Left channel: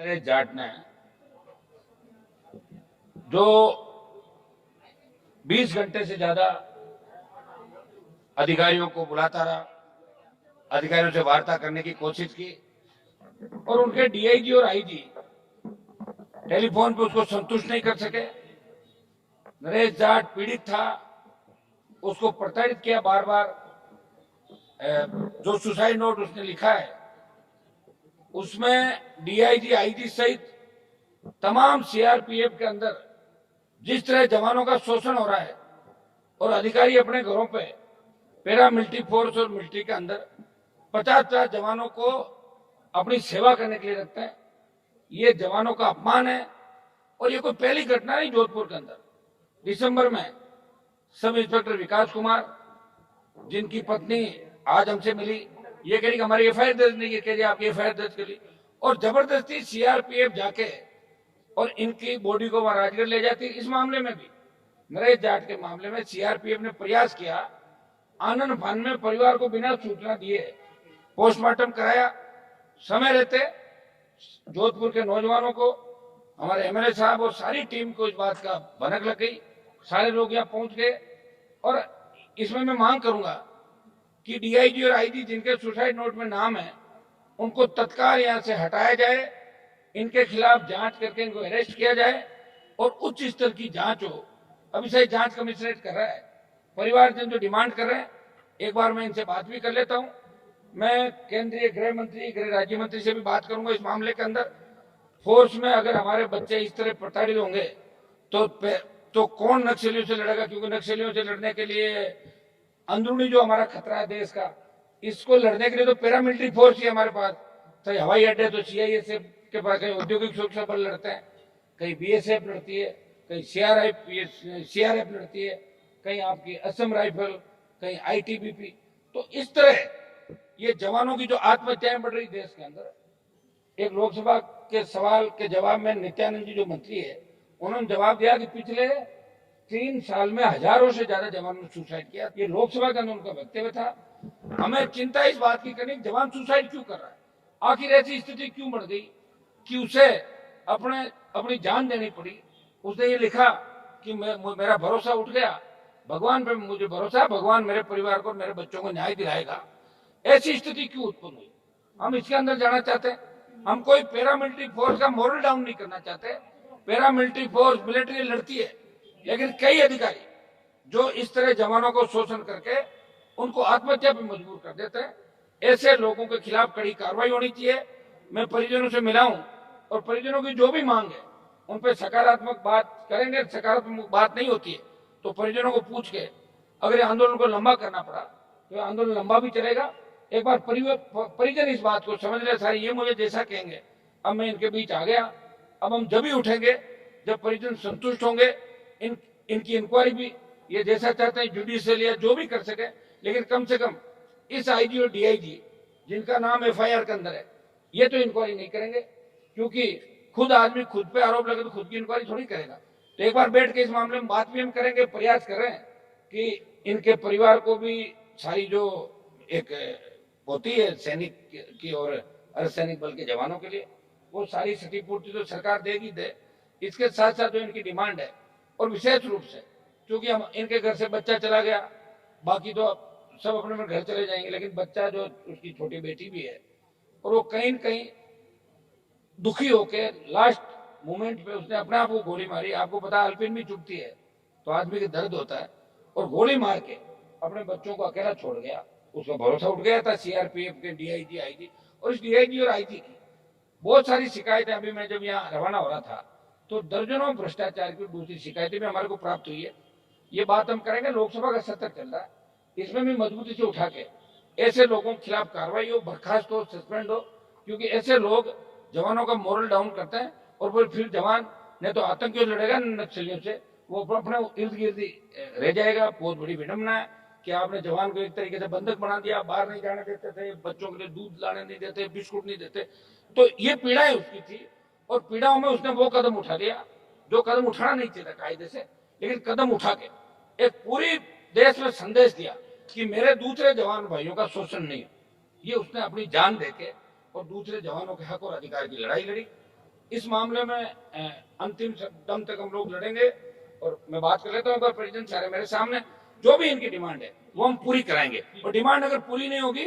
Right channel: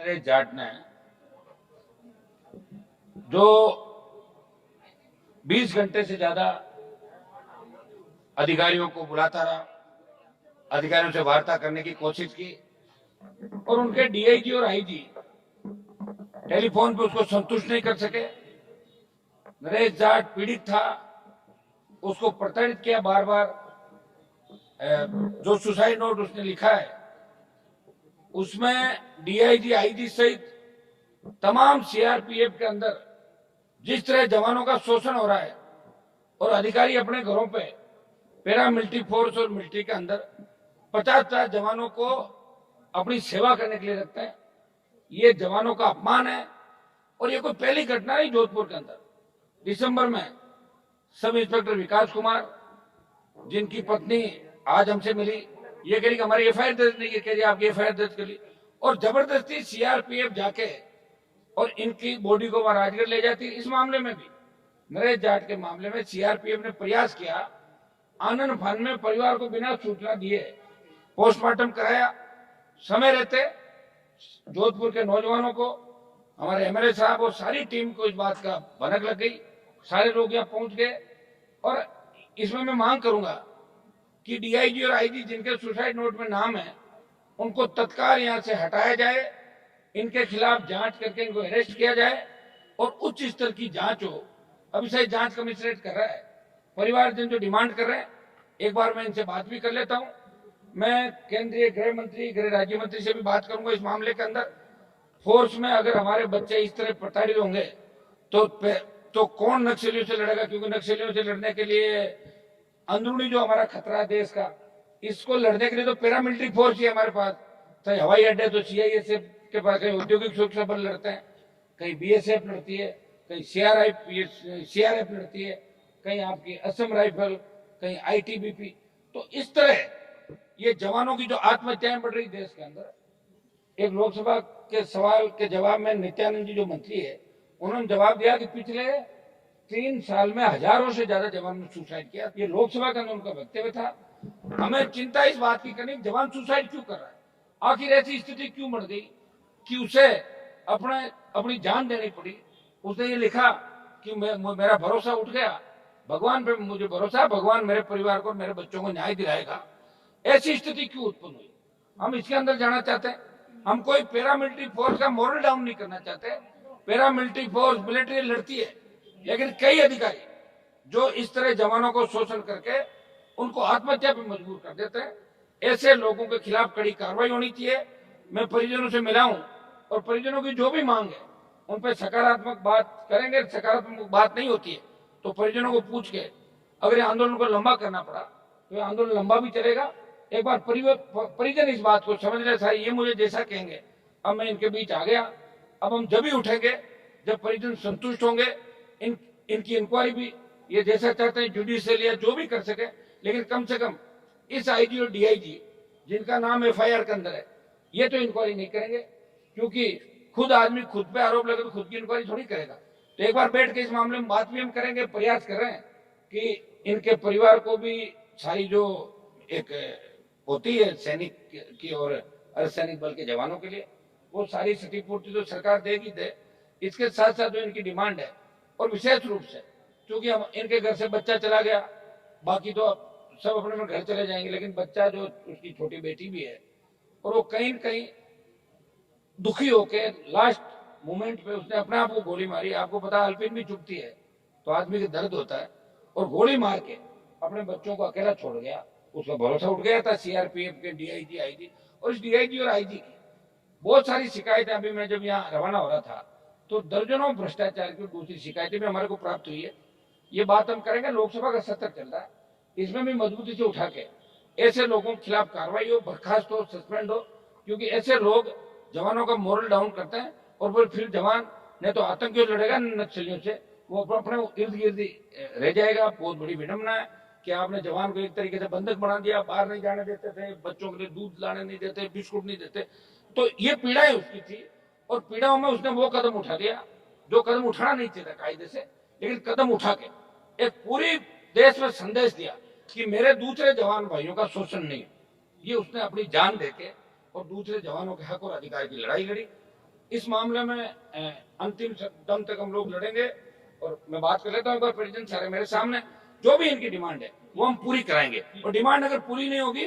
नरेश जाट ने जो 20 घंटे से ज्यादा अधिकारियों को बुलाता रहा, अधिकारियों से वार्ता करने की कोशिश की और उनके डीआईजी और आईजी टेलीफोन पे उसको संतुष्ट नहीं कर सके। नरेश जाट पीड़ित था, उसको प्रताड़ित किया बार बार। जो सुसाइड नोट उसने लिखा है उसमें डीआईजी आईजी सहित तमाम सीआरपीएफ के अंदर जिस तरह जवानों का शोषण हो रहा है और अधिकारी अपने घरों पे पैरा मिलिट्री फोर्स और मिलिट्री के अंदर 50-50 जवानों को अपनी सेवा करने के लिए रखते हैं, ये जवानों का अपमान है। और ये कोई पहली घटना नहीं। जोधपुर के अंदर दिसंबर में सब इंस्पेक्टर विकास कुमार, जिनकी पत्नी आज हमसे मिली, ये कह रही कि हमारी एफआईआर दर्ज नहीं है, कह रही आपकी एफआईआर दर्ज कर ली और जबरदस्ती सीआरपीएफ जाके और इनकी बॉडी को वहां राजगढ़ ले जाती। इस मामले में भी नरेश जाट के मामले में सीआरपीएफ ने प्रयास किया, आनंद फान में परिवार को बिना सूचना दिए पोस्टमार्टम कराया। समय रहते जोधपुर के नौजवानों को, हमारे एमएलए साहब और सारी टीम को इस बात का भनक लग गई। सारे लोग यहाँ पहुंच गए और इसमें मैं मांग करूंगा कि डीआईजी और आईजी जिनके सुसाइड नोट में नाम है उनको तत्काल यहां से हटाया जाए, इनके खिलाफ जांच करके इनको अरेस्ट किया जाए और उच्च स्तर की जांच हो। अभी से जांच कमिश्नरेट कर रहा है, परिवारजन जो डिमांड कर रहे हैं, एक बार मैं इनसे बात भी कर लेता हूं। मैं केंद्रीय गृह मंत्री, गृह राज्य मंत्री से भी बात करूंगा इस मामले के अंदर। फोर्स में अगर हमारे बच्चे इस तरह प्रताड़ित होंगे तो कौन नक्सलियों से लड़ेगा? क्योंकि नक्सलियों से लड़ने के लिए अंदरूनी जो हमारा खतरा है देश का, इसको लड़ने के लिए तो पैरामिलिट्री फोर्स ही हमारे पास। तो हवाई अड्डे तो सीआईएसएफ के पास, कहीं औद्योगिक सुरक्षा बल लड़ते हैं, कहीं बीएसएफ लड़ती है, कहीं सीआरएफ लड़ती है, कहीं आपकी असम राइफल, कहीं आईटीबीपी। तो इस तरह ये जवानों की जो आत्महत्याएं बढ़ रही देश के अंदर, एक लोकसभा के सवाल के जवाब में नित्यानंद जी जो मंत्री है उन्होंने जवाब दिया कि पिछले 3 साल में हजारों से ज्यादा जवानों ने सुसाइड किया। ये लोकसभा के अंदर उनका वक्तव्य था। हमें चिंता इस बात की करनी, जवान सुसाइड क्यों कर रहा है, आखिर ऐसी स्थिति क्यों बढ़ गई कि उसे अपनी जान देनी पड़ी। उसने ये लिखा कि मेरा भरोसा उठ गया, भगवान पे मुझे भरोसा है, भगवान मेरे परिवार को और मेरे बच्चों को न्याय दिलाएगा। ऐसी स्थिति क्यों उत्पन्न हुई? हम इसके अंदर जाना चाहते हैं। हम कोई पैरामिलिट्री फोर्स का मोरल डाउन नहीं करना चाहते। पैरामिलिट्री फोर्स मिलिट्री लड़ती है, लेकिन कई अधिकारी जो इस तरह जवानों को शोषण करके उनको आत्महत्या पर मजबूर कर देते हैं, ऐसे लोगों के खिलाफ कड़ी कार्रवाई होनी चाहिए। मैं परिजनों से मिला हूं और परिजनों की जो भी मांग है उन पर सकारात्मक बात करेंगे। सकारात्मक बात नहीं होती है तो परिजनों को पूछ के अगर ये आंदोलन को लंबा करना पड़ा तो ये आंदोलन लंबा भी चलेगा। एक बार परिजन इस बात को समझ ले, सारी ये मुझे जैसा कहेंगे, अब मैं इनके बीच आ गया। अब हम जब भी उठेंगे जब परिजन संतुष्ट होंगे, इनकी इंक्वायरी भी ये जैसा चाहते हैं जुडिशियल या जो भी कर सके, लेकिन कम से कम इस आईजी और डीआईजी जिनका नाम एफआईआर के अंदर है ये तो इंक्वायरी नहीं करेंगे, क्योंकि खुद आदमी खुद पे आरोप लगे तो खुद की इंक्वायरी थोड़ी करेगा। तो एक बार बैठ के इस मामले में बात भी हम करेंगे। प्रयास कर रहे हैं कि इनके परिवार को भी सारी जो एक होती है सैनिक की और अर्धसैनिक बल के जवानों के लिए वो सारी क्षतिपूर्ति तो सरकार देगी दे। इसके साथ साथ जो इनकी डिमांड है, और विशेष रूप से क्योंकि हम इनके घर से बच्चा चला गया, बाकी तो सब अपने अपने घर चले जाएंगे, लेकिन बच्चा जो उसकी छोटी बेटी भी है और वो कहीं न कहीं दुखी होके लास्ट मोमेंट पे उसने अपने आप को गोली मारी। आपको पता अल्पिन भी चुभती है तो आदमी के दर्द होता है, और गोली मार के अपने बच्चों को अकेला छोड़ गया। उसका भरोसा उठ गया था सीआरपीएफ के डीआईजी आईजी, और इस डीआईजी और आईजी की बहुत सारी शिकायतें, अभी मैं जब यहाँ रवाना हो रहा था तो दर्जनों भ्रष्टाचार की दूसरी शिकायतें भी हमारे को प्राप्त हुई है। ये बात हम करेंगे। लोकसभा का सत्र चल रहा है, इसमें भी मजबूती से उठा के ऐसे लोगों के खिलाफ कार्रवाई हो, बर्खास्त हो, सस्पेंड हो, क्योंकि ऐसे लोग जवानों का मोरल डाउन करते हैं। और फिर जवान ने तो आतंकियों से लड़ेगा नक्सलियों से, वो अपने इर्द गिर्द रह जाएगा। बहुत बड़ी विडंबना है कि आपने जवान को एक तरीके से बंधक बना दिया, बाहर नहीं जाने देते थे, बच्चों के लिए दूध लाने नहीं देते, बिस्कुट नहीं देते। तो ये पीड़ाएं उसकी थी, और पीड़ाओं में उसने वो कदम उठा लिया जो कदम उठाना नहीं चाहिए कायदे से, लेकिन कदम उठा के एक पूरी देश में संदेश दिया कि मेरे दूसरे जवान भाइयों का शोषण नहीं। ये उसने अपनी जान देके और दूसरे जवानों के हक और अधिकार की लड़ाई लड़ी। इस मामले में अंतिम दम तक हम लोग लड़ेंगे। और मैं बात कर लेता हूँ एक बार प्रेसिडेंट सारे मेरे सामने, जो भी इनकी डिमांड है वो हम पूरी कराएंगे, और डिमांड अगर पूरी नहीं होगी